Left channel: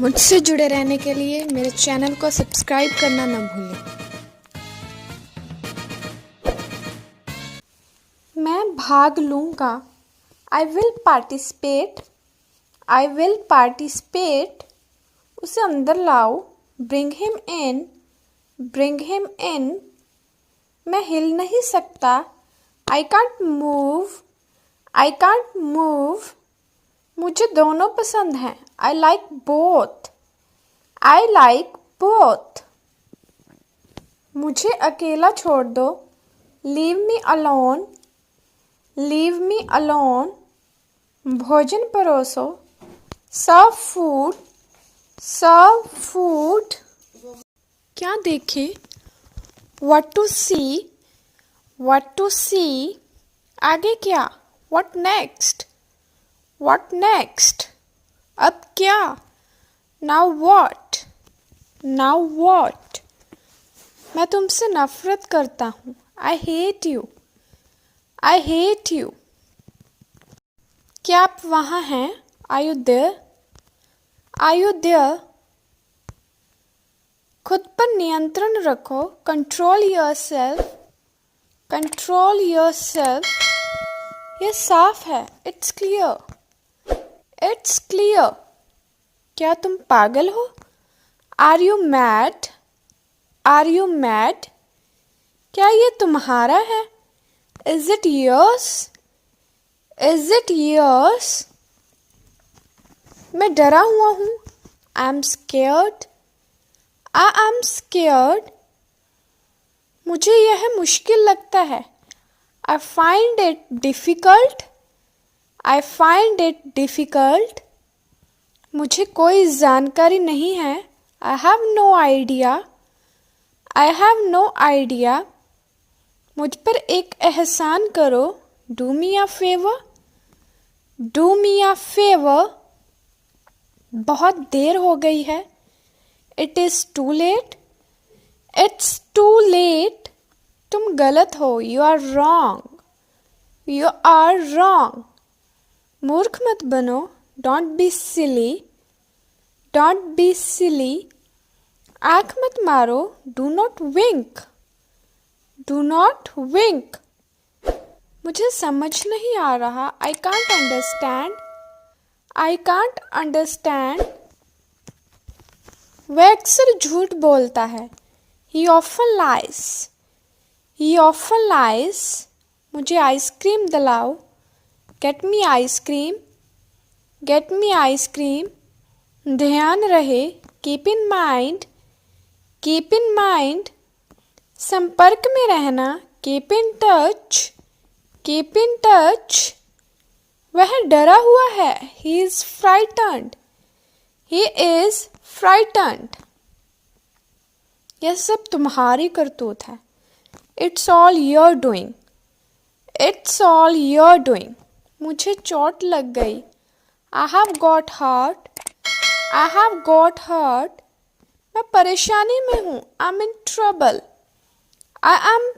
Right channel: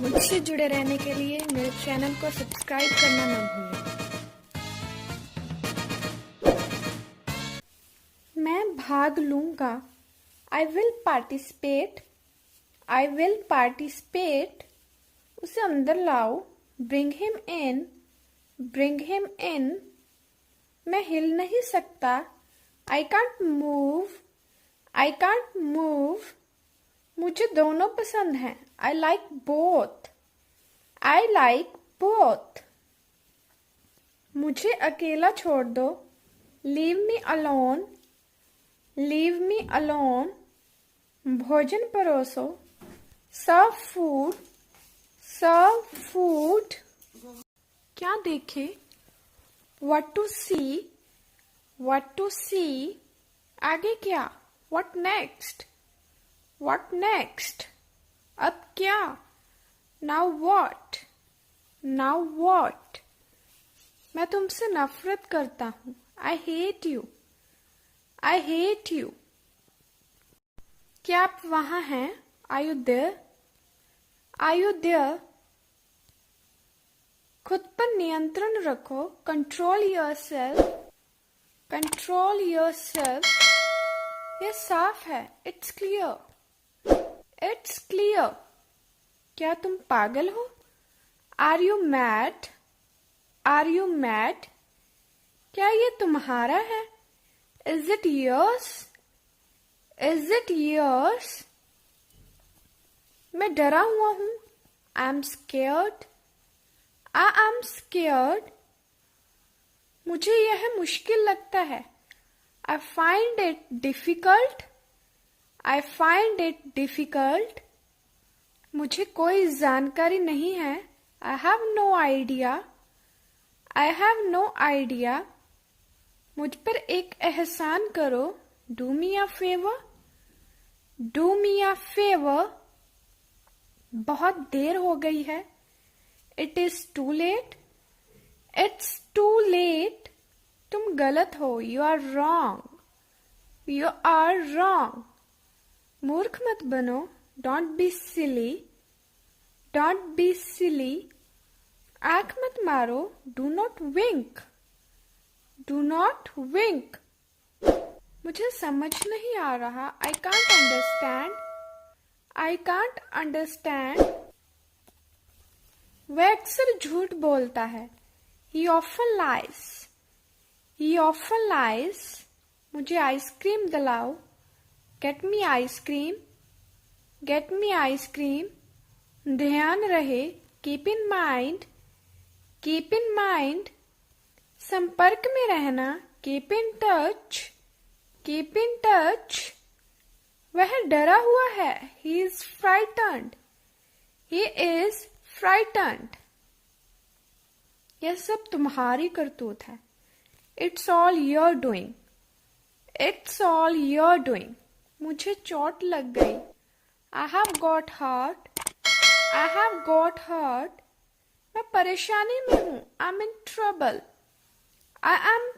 मुझसे जुड़े रहने के लिए मेरे चैनल को सब्सक्राइब करना न भूलें। मैं भाग लूँगा। I will participate. I will participate. उसे अंदर लाओ। Bring him in. Bring him in. मैं हिल नहीं सकता। I can't move. I can't move. मुझे दोनों पसंद हैं। I like both. I like both. मुझे अकेला छोड़ दो। Leave me alone. Leave me alone. भोजन परोसो। Serve food. Serve food. क्या देखें? What to see? What to see? आगे क्या? What next? What next? अब क्या? Now what? Now what? मैं तुमसे नफरत करता हूँ। I hate you. I hate you. क्या आप वहाँ हैं? Are you there? Are you there? खुद पर नियंत्रण रखो। Control yourself. Control yourself. ये साफ है। It's clear. It's clear. क्या तुम पागल हो? Are you mad? Are you mad? क्या ये तुम्हारा है? Is it yours? Is it yours? मैं डरा हुआ हूँ। I'm scared. I am scared. मुझे यह मुश्किल लगता है। I find it difficult. I find it difficult. मुझे कोई जानकारी नहीं है। I have no idea. I have no idea. मुझ पर एक एहसान करो। Do me a favor. Do me a favor. बहुत देर हो गई है। It is too late. It's too late. तुम गलत हो। You are wrong. You are wrong. मूर्ख मत बनो। Don't be silly. Don't be silly. आँख मत मारो। Do not wink. Do not wink. मुझे समझ नहीं आ रहा। I can't understand. I can't understand. वह अक्सर झूठ बोलता है। He often lies. He often lies. मुझे आइसक्रीम दिलाओ। Get me ice cream. Get me ice cream. ध्यान रहे। Keep in mind. Keep in mind. संपर्क में रहना। Keep in touch. Keep in touch. वह डरा हुआ है। He is frightened. He is frightened. यह सब तुम्हारी करतूत है। It's all your doing. It's all your doing. मुझे चोट लग गई। I have got hurt. I have got hurt. मैं परेशानी में हूँ। I'm in trouble. I am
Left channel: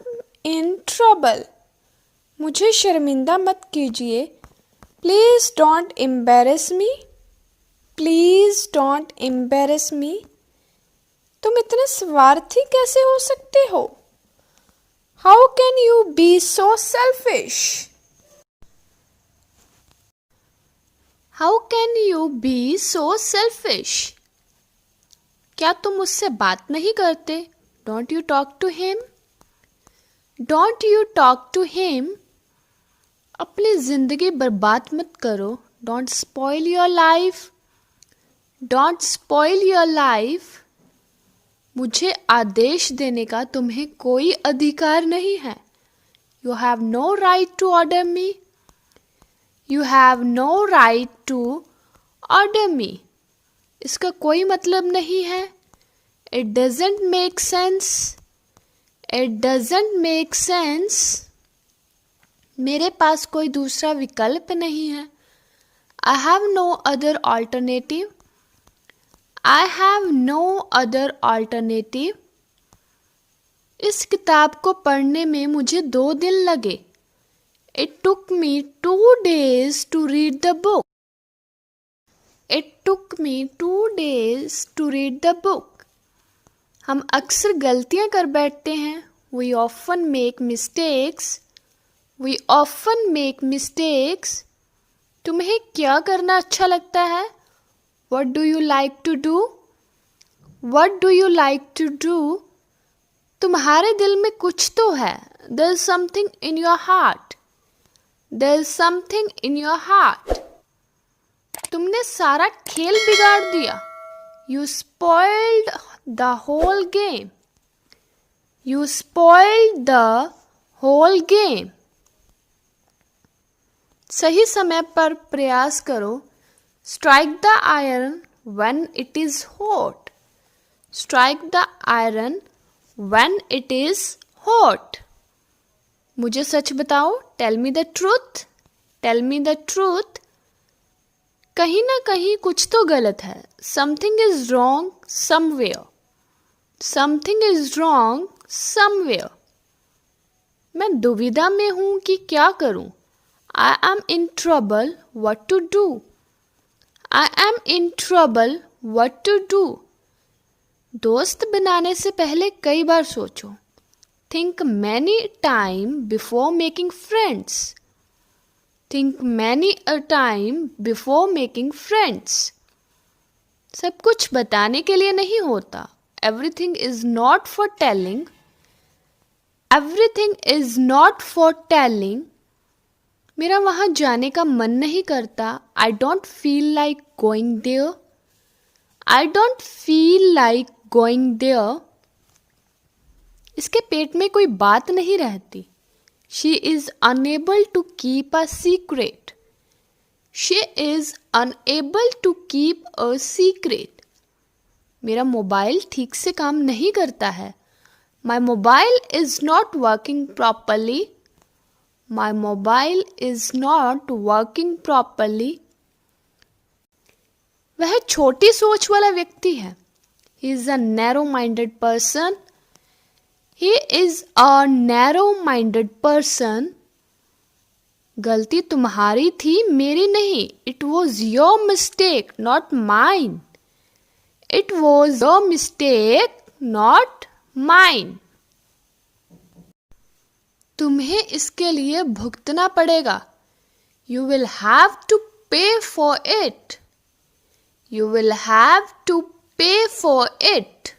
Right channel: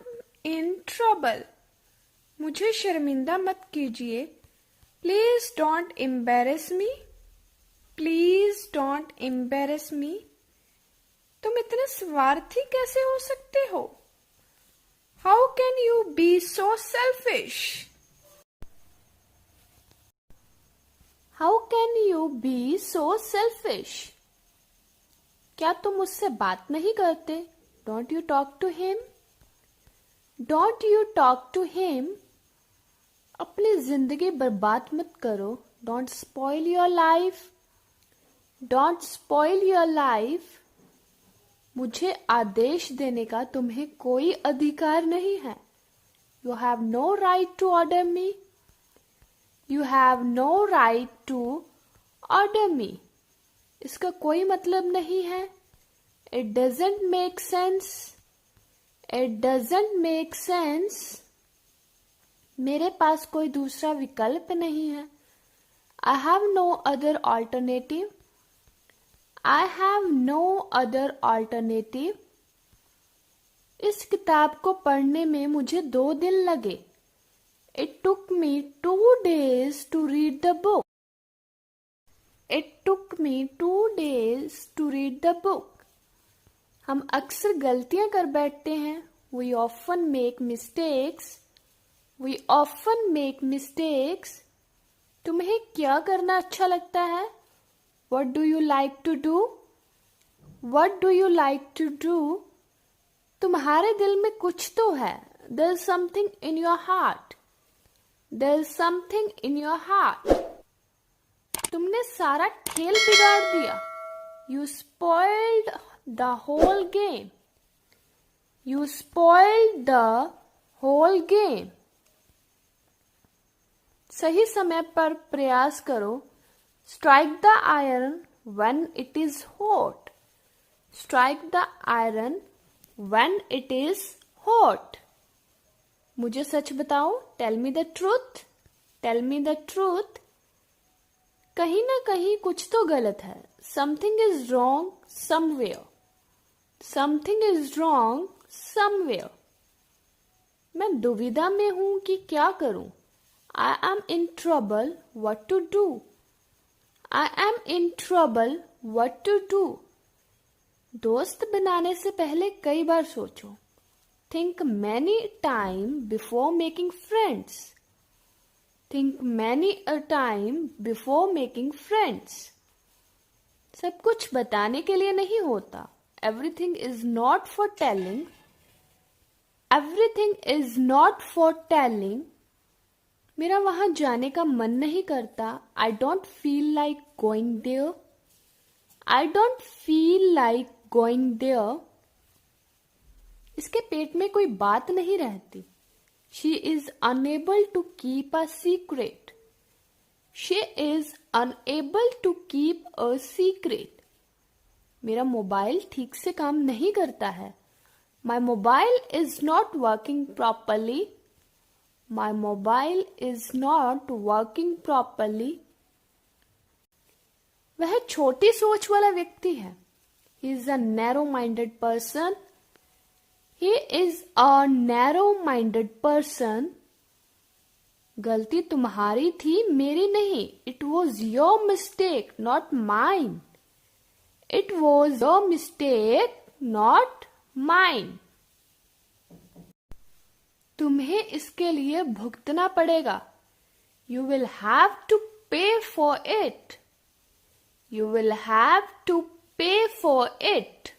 in trouble. मुझे शर्मिंदा मत कीजिए। Please don't embarrass me. Please don't embarrass me. तुम इतने स्वार्थी कैसे हो सकते हो? How can you be so selfish? How can you be so selfish? क्या तुम उससे बात नहीं करते? Don't you talk to him? Don't you talk to him? अपनी जिंदगी बर्बाद मत करो। Don't spoil your life. Don't spoil your life. मुझे आदेश देने का तुम्हें कोई अधिकार नहीं है। You have no right to order me. You have no right to order me. इसका कोई मतलब नहीं है। It doesn't make sense. It doesn't make sense. मेरे पास कोई दूसरा विकल्प नहीं है। I have no other alternative. I have no other alternative. इस किताब को पढ़ने में मुझे 2 दिन लगे। It took me 2 days to read the book. It took me 2 days to read the book. हम अक्सर गलतियां कर बैठते हैं. We often make mistakes. We often make mistakes. तुम्हें क्या करना अच्छा लगता है? What do you like to do? What do you like to do? तुम्हारे दिल में कुछ तो है. There's something in your heart. There's something in your heart. तुमने सारा खेल बिगाड़ दिया. You spoiled the whole game. You spoiled the whole game. सही समय पर प्रयास करो. Strike the iron when it is hot. Strike the iron when it is hot. मुझे सच बताओ. Tell me the truth. Tell me the truth. कहीं ना कहीं कुछ तो गलत है. Something is wrong somewhere. Something is wrong somewhere. मैं दुविधा में हूं कि क्या करूं. I am in trouble. What to do? I am in trouble. What to do? दोस्त बनाने से पहले कई बार सोचो. Think many times before making friends. Think many a time before making friends. सब कुछ बताने के लिए नहीं होता. Everything is not for telling. Everything is not for telling. मेरा वहाँ जाने का मन नहीं करता. I don't feel like going there. I don't feel like going there. इसके पेट में कोई बात नहीं रहती. She is unable to keep a secret. She is unable to keep a secret. मेरा मोबाइल ठीक से काम नहीं करता है. My mobile is not working properly. My mobile is not working properly. वह छोटी सोच वाला व्यक्ति है. He is a narrow-minded person. He is a narrow-minded person. गलती तुम्हारी थी, मेरी नहीं. It was your mistake, not mine. It was your mistake, not mine. तुम्हें इसके लिए भुगतना पड़ेगा. You will have to pay for it. You will have to pay for it.